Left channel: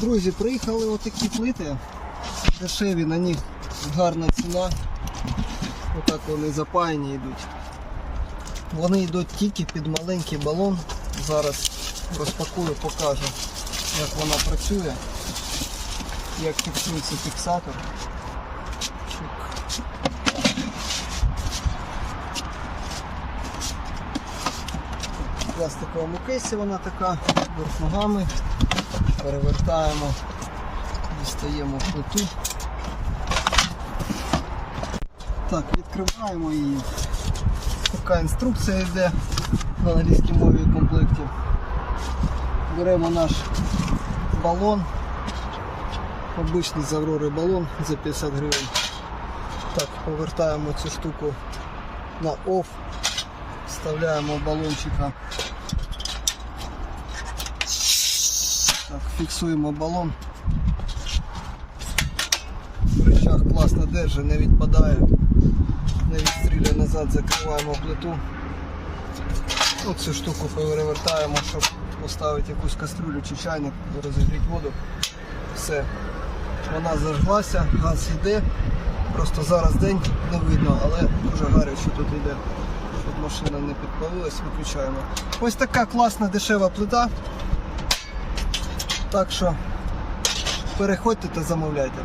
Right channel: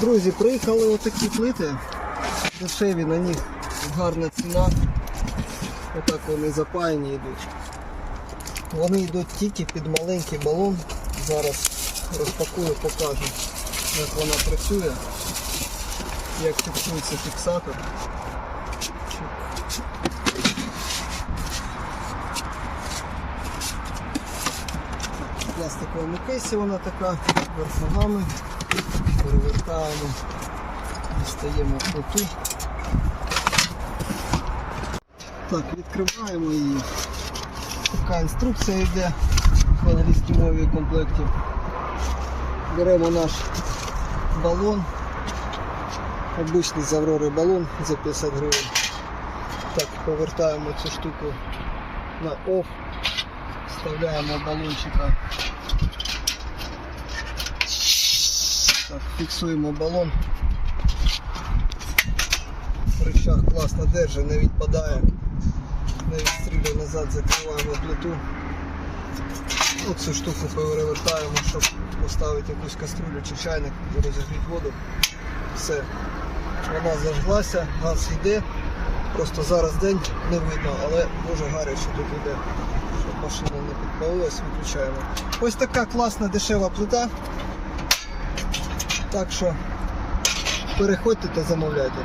Друзі, приїхали отакі плити. Дешеві на них гарна ціна. Отак вони запаяні йдуть. Вони йдуть тільки під маленький балон. Зараз розпакую, покажу, як вона працює, як фіксується фіксатор. Пластиковому кейсі вона така, вверх ногами. Перевертаємо, дістаємо плиту. Так, відкриваємо її. Така інструкція йде в англійській мові комплекті. Беремо наш балон. Обичний з балон за 50 гривень. Так, повертаємо цю штуку на OFF. Вставляємо балончика. Так, фіксуємо балон. Рычаг класно держить, не відпадає. Не відстрілює назад, закриваємо плиту. Ну, цю штуку перевертаємо, щоб поставити якусь кастрюлю чи чайник розігріти воду. Все. Вона зажглася, газ йде. Просто зараз день не видно, але дуже гаряче тут йде. Щоб машина не підпалилась, виключаємо. Ось така класна дешева плита. Так що переходьте та замовляйте.